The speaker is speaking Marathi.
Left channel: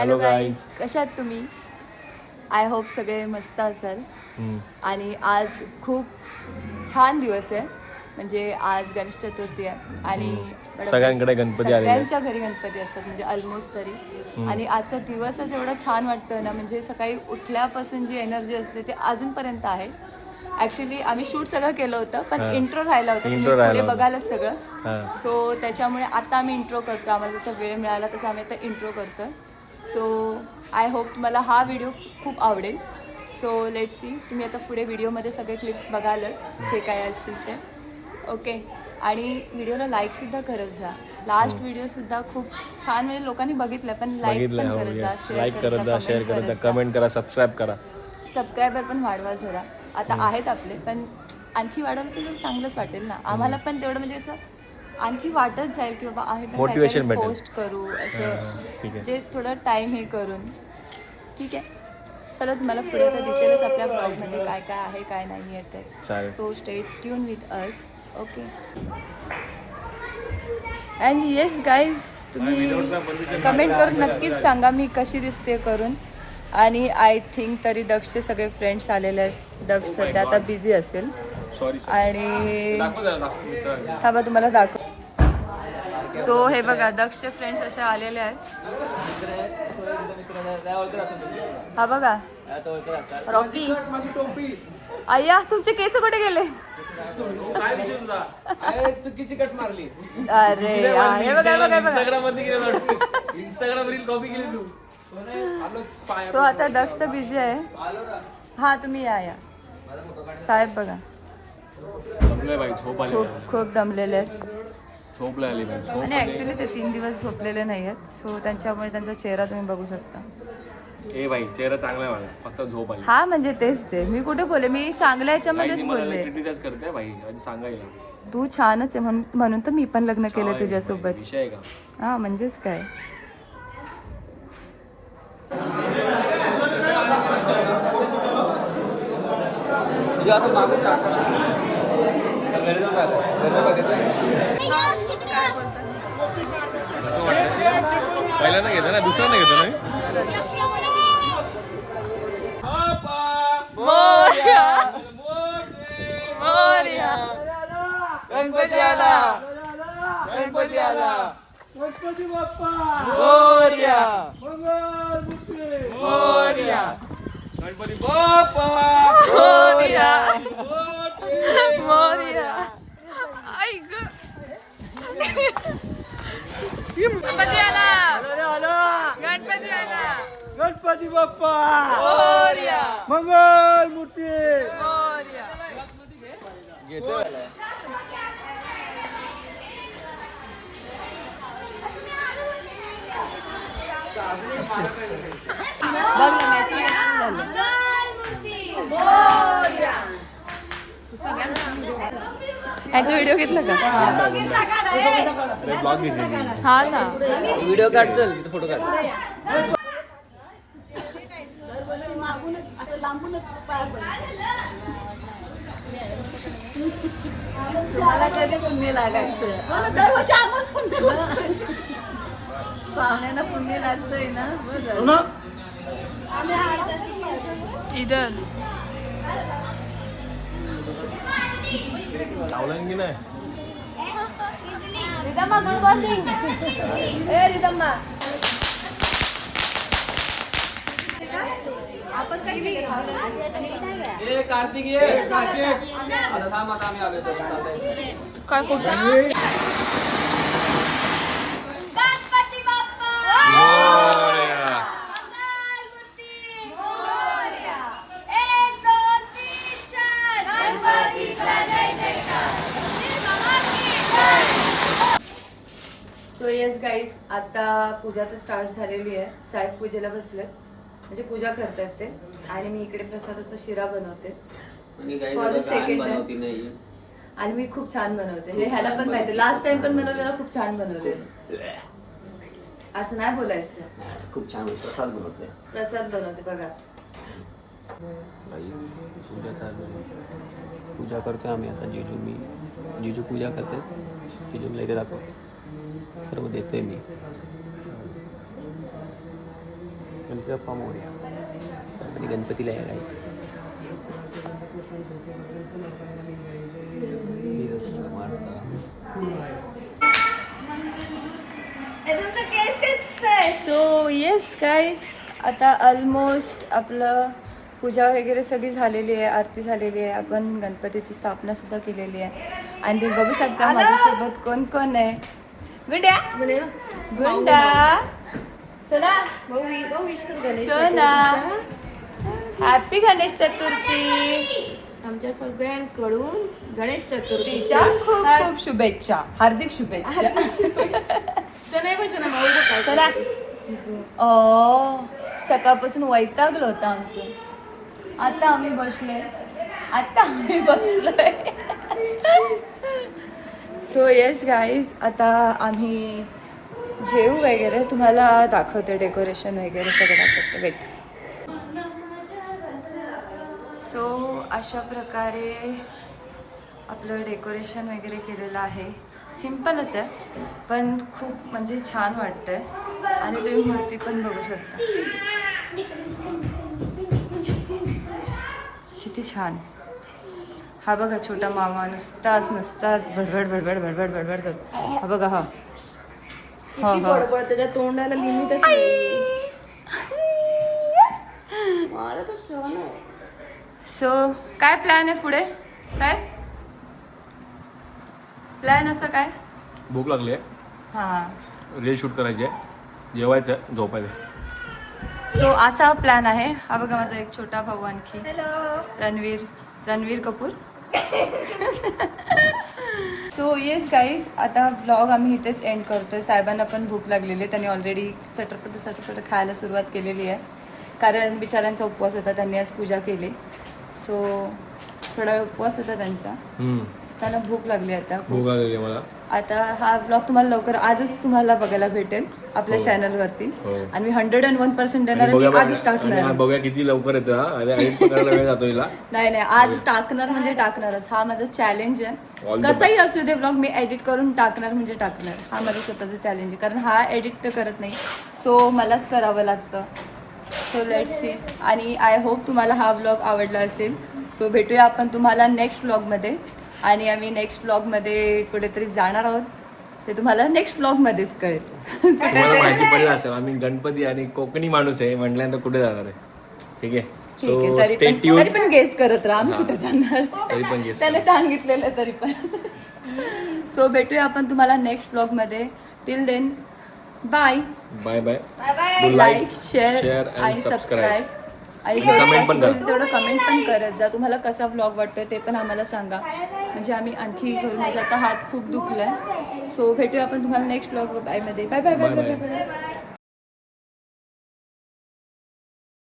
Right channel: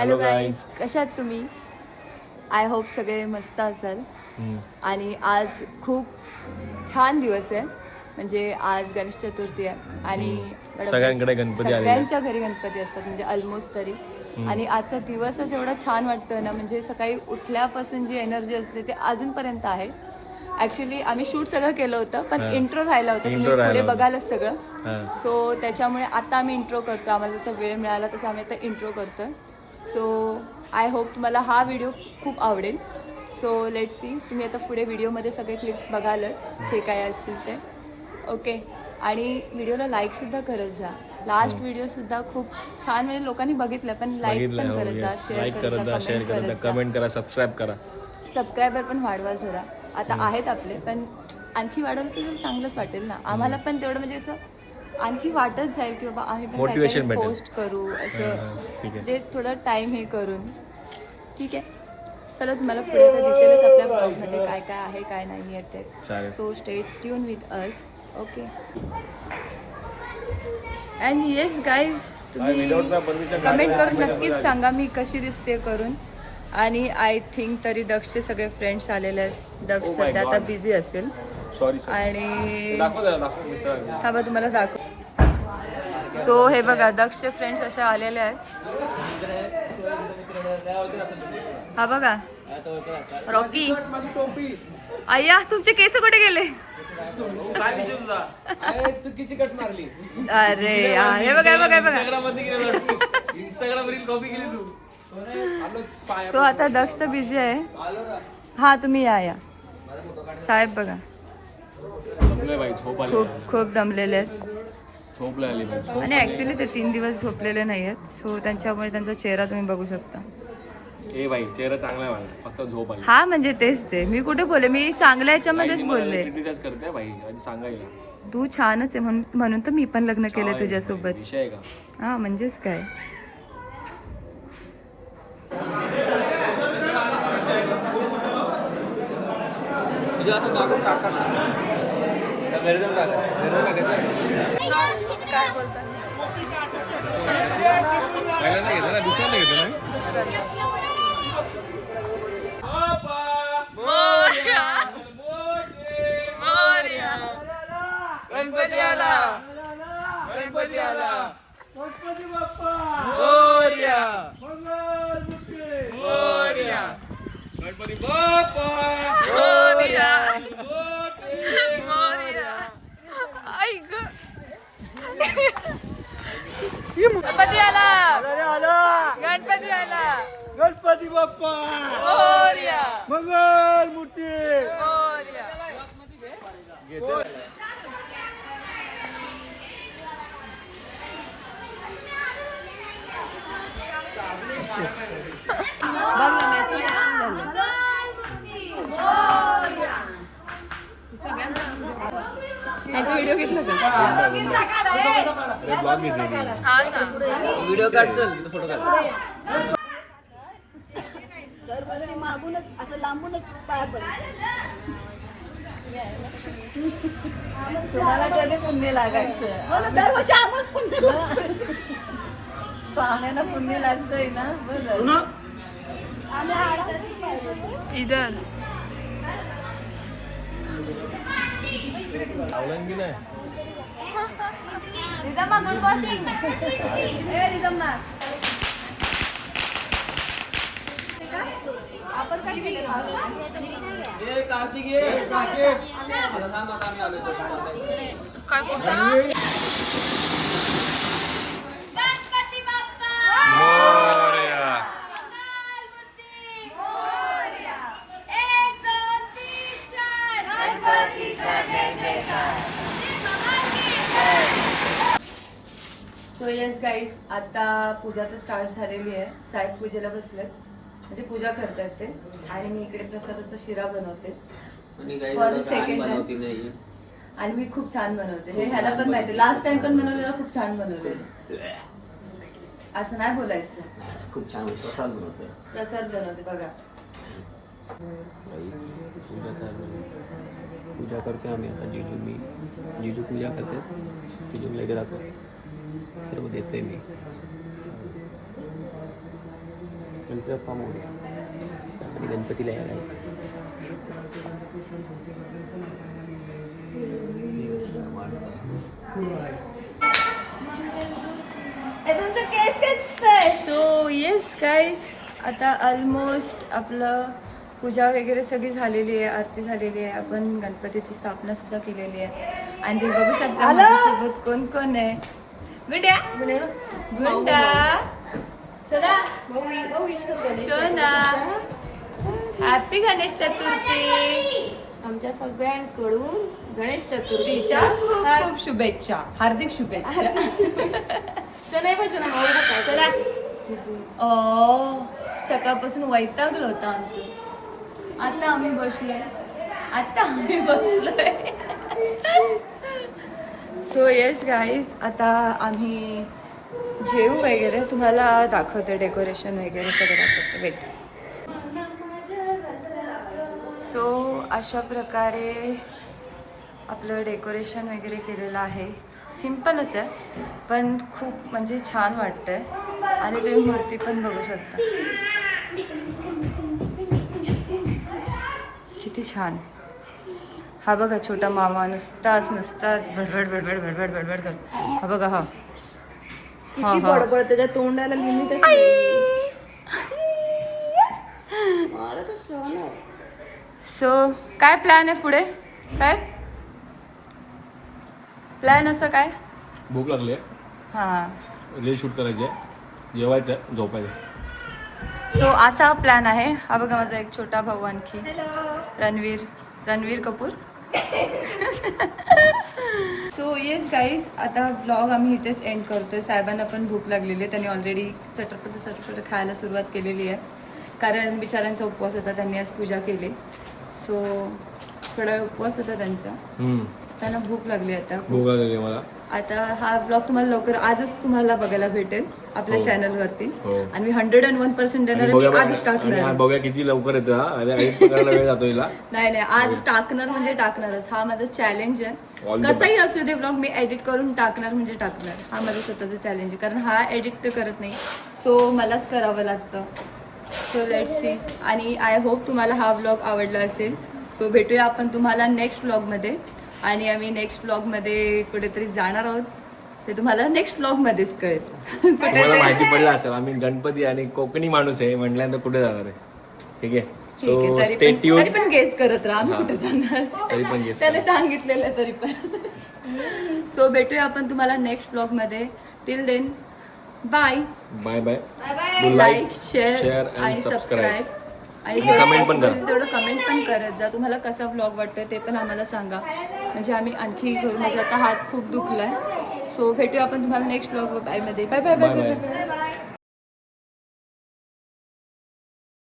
हॅलो गाईज, कशा आहात तुम्ही? आय होप सगळे मस्त असाल. आणि आज खूप छान दिवस आहे, म्हणजे आज गणेश चतुर्थी आहे आणि सगळ्यांकडे गणपती आलेले, सगळ्यांच्या घरी गणपती असतात, म्हणजे ऑलमोस्ट तरी. आणि आजचा दिवसच एवढा छान वाटतं ना, म्हणजे सकाळी उठल्यापासून जी एनर्जी असते ते अजूनपर्यंत आहे. ऍक्च्युली आम्ही शूट सगळं केलं होतं, पण इंट्रो राहिला होता, पुढे बघायलाच सगळं. सो त्याच्यामुळे आता आम्ही इंट्रो करतो, आम्हाला जसा वेळ मिळाला तसं आम्ही आता इंट्रो करतोय. सो आय होप तुम्हाला हा व्हिडिओ खूप आवडेल. सो लेट्स सी, तुम्ही आता पुढे व्हिडिओमध्ये सगळे क्लिप्स बघालच जे काय असतील ते. ओके, आणि व्हिडिओला लाईकसुद्धा करत जा. लास्ट व्हिडिओसुद्धा खूप छान, म्हणजे लोकांनी बघितलं, पण लाईक पण करत जा, लाईक करत जा, शेअर करत जा, कमेंट करा, सबस्क्राईब करा. सबस्क्रायबर पण वाढवा जरा. आता आहेत आपले, पण आणखी वाढवलं तर चांगलंच वाटेल ना आम्हाला पण, तेवढं म्हणजे असं आणखी वाटत जाईल की बाबा आहे मोटिवेशन भेटेल, पोस्ट करू असं, जे थोडं टाइम हे करून. ठीक आहे, चला तुम्हाला पुढे तर दिसेलच आपल्या ब्लॉगमध्ये काय काय आहे काय नाही आहे ते. So stay tune with us. Okay, and yes guys, तुम्ही कमेंट करून नक्कीच सांगा मी कशी दिसते करून. आणि आय थिंक तरी दक्षचे सगळे फ्रेंड्स आलेले आहेत. दक्ष सध्या आता बिझी असेल आणि थांबा तुम्हाला दाखव. सो हे बघा, दक्षचे फ्रेंड्स असे आलेले आहेत. हा बघा रॉकी. अय्या, तुमचे केस कुठे गेले? चुकीची कट मारली. अरे यार, हे बघा बघा बघा. तो आता दक्ष तर बिझी आहे. हा तुम्ही या साहेब. बघा खूप दमलेले आहेत आणि ऍक्च्युली ते 3 दिवस झोपलेले नाही आहेत. सो त्यांच्यामुळे त्यांचा चेहरा तुम्ही बघू शकता. ए भाई, चेहरा चांगला आहे माझा, फक्त झोप आली. हा म्हणजे तेच ते, मी कुठे बोलले, मी चांगल्या याच्यामध्येच बोलले. क्रिटिसाइज करते भाई, आधी सांगायला. तू छानच आहे म्हणून तर मी पण लग्न केलं तुझ्यासोबत. विषय का? हा म्हणजेच काय. काय बोलतात? पहिल्यांदा घेतो ना, दुसऱ्यांदा घेतो ना. दुसऱ्यांदा गणपती आला, गणपती आला, गणपती बाप्पा मोरया, मंगलमूर्ती मोरया, गणपती बाप्पा मोरया, मोरया. आई ग, गणपती आला, गणपती आला, गणपती बाप्पा मोरया, मंगलमूर्ती मोरया. बघ ना, मॅचिंग झालं. ह्याचा व्हिडिओ घेतला का? अरे ब्लॉग घेतली. हा ना, व्हिडिओ काढ, चल फोटो काढ. दरवर्षी मागूनच असं लांबूनच पाय पडतो. मला कधी पुण्य लागायचं? दरवर्षी आम्हाला पुण्य लागतं. पाहुण्याला पुण्य लागतंय ना. आम्ही इधर लावलं की नाही? रिदम्मा दूध बॉटिंग. ए रिदम्मा, आपण काय केलं? कार्तिक काय फोटो? गणपती बाप्पा मोरया. मंगलमूर्ती मोरया. 1 2 3 4 गणपतीचा जय जयकार. सो येस गाईज, आता पूजा तर स्टार्ट झालेली आहे. साहेब पूजेला बसलेत, म्हणजे पूजा करतात ते, आणि मी इकडे प्रसादाचा शिरा बनवते फॉर सेकंड टाइम. आणि मी खूप छान बनवते, हे ह्याला पण माहिती. लास्ट टाइम पण बनवलेलं खूप छान बनवलेलं. असं नाही बोलायचं. खूप छान प्रसाद बनवते. प्रसाद बनवते बघा. पूजा करते आम्ही आता. जीजू पूजा करते. जीजूला इथे दाखव, सर्व देते मी. गणपती बाप्पा मोरया. गणपतीला यायला आहे. सो येस गाईस, आता ऑलमोस्ट आपलं पूजा वगैरे सगळी झालेली आहे, आरती झालेली आहे. आपण गणपतीची स्थापना सुद्धा केलेली आहे. आणि तुम्ही बघू शकता माझ्यासोबत कोण कोण आहे. गुड्या गुंडा सोना हॅपी गणेश चतुर्थी. आमच्या सगळ्यांकडून गणेश चतुर्थीच्या खूप खूप शुभेच्छा, हार्दिक शुभेच्छा. सोना सकाळपासून वैतागलं होतं आमचं. आता आम्ही बसलोय. सो येस गाईज, आता आम्ही जेवू वगैरे, तुम्हाला दाखवते डेकोरेशन वगैरे सगळं दाखवते. वेट. सो अशा प्रकारे आपलं डेकोरेशन वगैरे केलेलं आहे. सिम्पलच आहे पण खूप म्हणजे छान वाटतंय. आणि तुम्ही मूर्ती पण बघू शकता किती छान. हा बघा छोटा मामा नुसताच भडभड भडभड भडभड भडभड करतो. हा बघा हा हा हा त्याच्या तोंडाला लिमिटच नाही. मला तर सहन आहे. सो काय प्लॅन आहे पुढे साहेब? प्लॅन असं काय? भूक लागली आहे, हां. रील शूट करायची आहे, जेवायचं आहे, झोपायचं. सो असा हा प्लॅन आहे. हा बघा माझा एक छोटा भाऊ आणखी, Ranveer Kapoor. So yes guys, आता व्लॉग आम्ही इथेच एंड करतोय. साहेबांना पण भूक लागलेली आहे. त्यांनी ऑलरेडी चटपट खायला सुरुवात केलेली आहे. कारण बिचाऱ्यांचा उपवास होता, त्यांनी आज पूजा केली. सो थोडा वेळ उपवास होता त्यांचा. त्यांना भूक लागली आता खूप. भूक लागली मला. आता हा व्लॉग तुम्हाला लवकर आजच तुम्हाला बघायला भेटेल आपल्या चॅनलवरती. हो. आणि मी 101% देणार, मी आजच टाकणार. बघा किती लवकर येतो हा. अरे पकडायला वेळ जातो हिला. नाही आज टाकणार म्हणजे टाकणारच. हा माझा चॅलेंज आहे. All the कसाही असू दे व्लॉग मी एडिट करून टाकणार म्हणजे टाकणार. हा माझा स्वतःचा चॅलेंज आहे. कारण हा एडिट तर करत नाही, सो मलाच करावं लागतं. So let's see. आणि आय होप तुम्हाला हा व्लॉग आवडला असेल. सो भेटूया आपण तुम्हाला नेक्स्ट व्लॉगमध्ये. आणि आम्ही नेक्स्ट व्लॉगमध्ये कुठेतरी जाणार आहोत, ते तुम्हाला नेक्स्ट व्लॉगमध्येच कळेल. तुम्हाला माहिती पडलं असेल आम्ही गणपती आणि कोकणी माणूस आहे म्हटल्यानंतर कुठे जाणार आहे. ठीक आहे. ठीक आहे, तरी पण गेस करत राहा आम्ही कुठे जाणार. तरी पण गेस त्याने सांगितलेलं तरी पण. सो भेटूया आपण तुम्हाला नेक्स्ट व्लॉगमध्ये. Till then bye bye. Like share आणि सबस्क्राईब. आणि comment पण करा. तेवढं कमेंट पण करत जा. तुम्हाला कसा व्लॉग वाटतोय ते पण आम्हाला सांगा, म्हणजे आम्ही आणखी करू. माझा आता हात खूप दुखलाय. सो भेटूया आपण तुम्हाला नेक्स्ट व्लॉग मध्ये. Bye bye bye bye bye bye.